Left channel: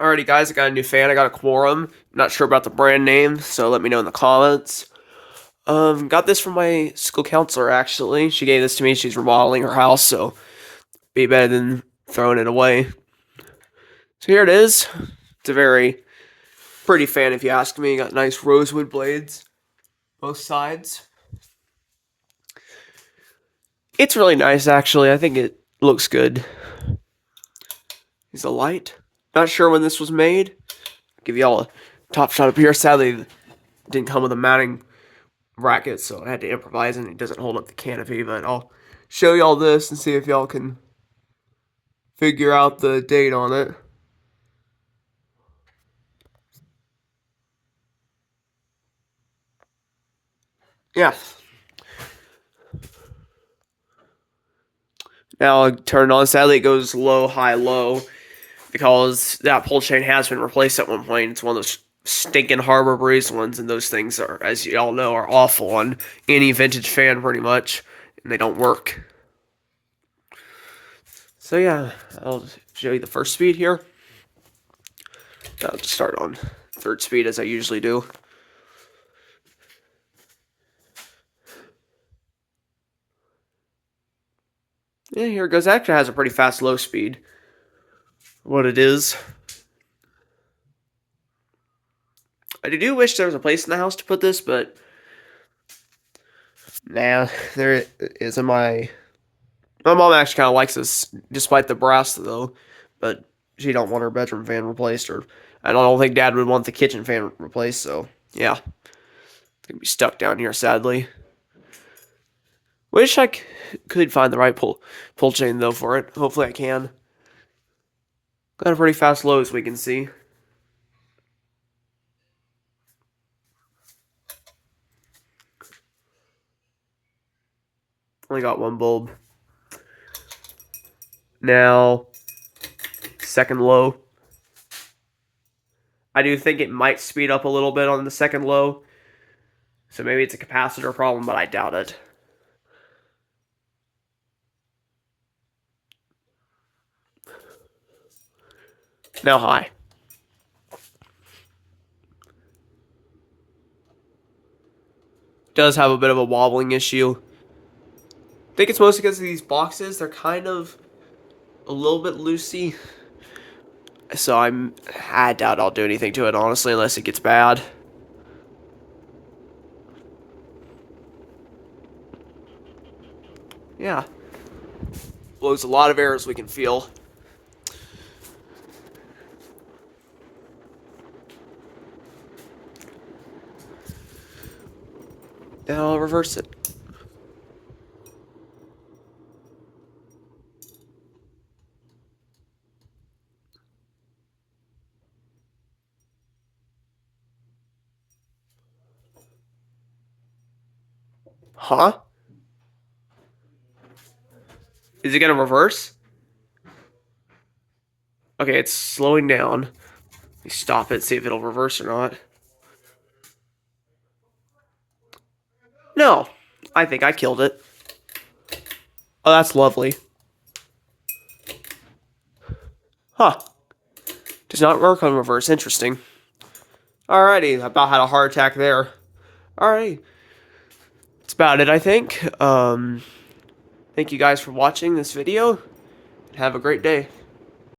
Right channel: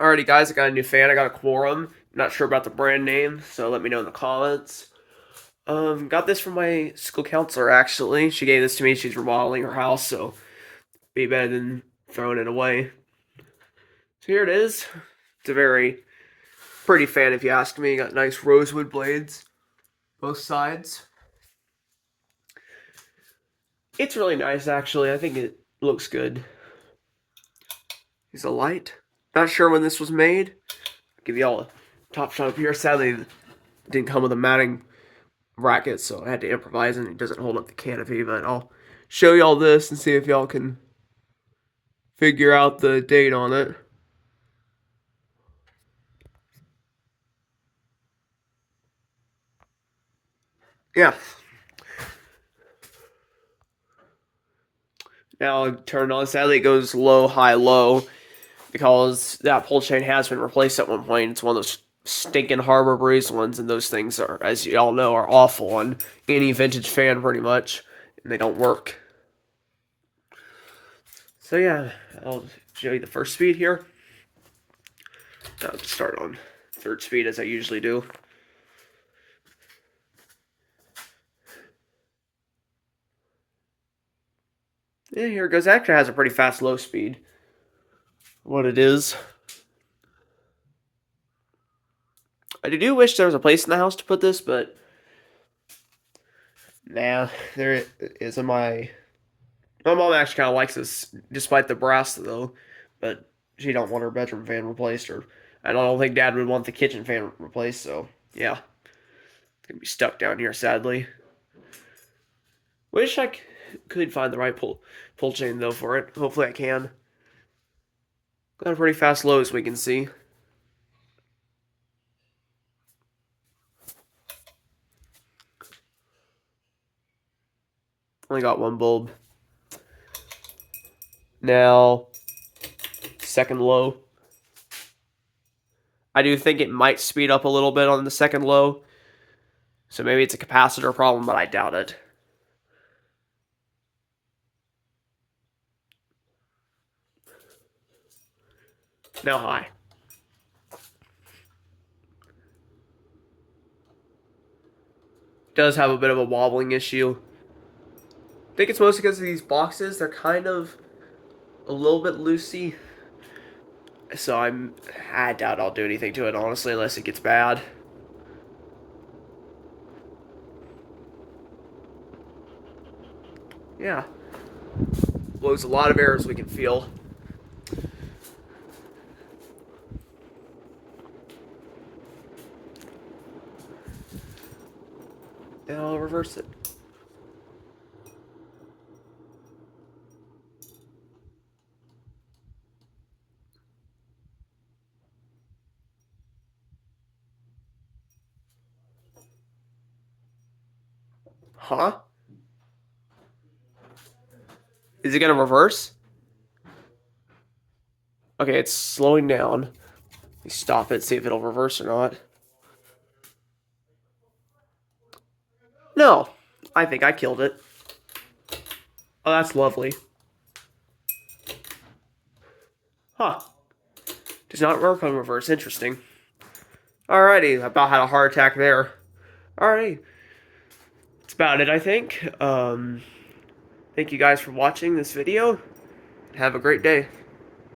Alrighty, guys, I got a new fan. I got a Quorum. Not sure about the brand name, so let me know in the comments. Got this from my school counselor, actually. She gave this to me. She's remodeling her house, so be better than throwing it away. So here it is. It's a very pretty fan, if you ask me. Got nice rosewood blades, both sides. It's really nice, actually. I think it looks good. Here's a light. Not sure when this was made. Give you all a top shot up here. Sadly, it didn't come with a mounting bracket, so I had to improvise, and it doesn't hold up the canopy, but I'll show y'all this and see if y'all can figure out the date on it. Yeah. Now I'll turn it on. Sadly, it goes low, high, low, because that pull chain has been replaced at one point. It's one of those stinking Harbor Breeze ones, and those things are, as y'all know, are awful on any vintage fan pretty much, and they don't work. So yeah, I'll show you the first speed here. I'll just start on third speed as I usually do. Yeah, here it goes. It actually has a pretty fast low speed. What it is. I do wish there was a place in the house to put this, but nah, there isn't. My mom actually kind of likes this, despite the brass though. But she don't want her bedroom fan replaced, or I don't think Dad would want the kitchen fan replaced. So yeah, it's gonna be stuck down here, sadly. Wish I could find the right pull chain though for it. Hopefully I can. Got a pretty fast low, as we can see. Only got one bulb. Now, second low. I do think it might speed up a little bit on the second low. So maybe it's a capacitor problem, but I doubt it. Now high. Does have a bit of a wobbling issue. I think it's mostly because of these boxes. They're kind of a little bit loosey. So I doubt I'll do anything to it, honestly, unless it gets bad. Yeah. Blows a lot of air, as we can feel. And I'll reverse it. Huh? Is it gonna reverse? Okay, it's slowing down. Let me stop it, see if it'll reverse or not. No, I think I killed it. Oh, that's lovely. Huh. Does not work on reverse. Interesting. Alrighty, about had a heart attack there. Alrighty. That's about it, I think. Thank you guys for watching this video. Have a great day.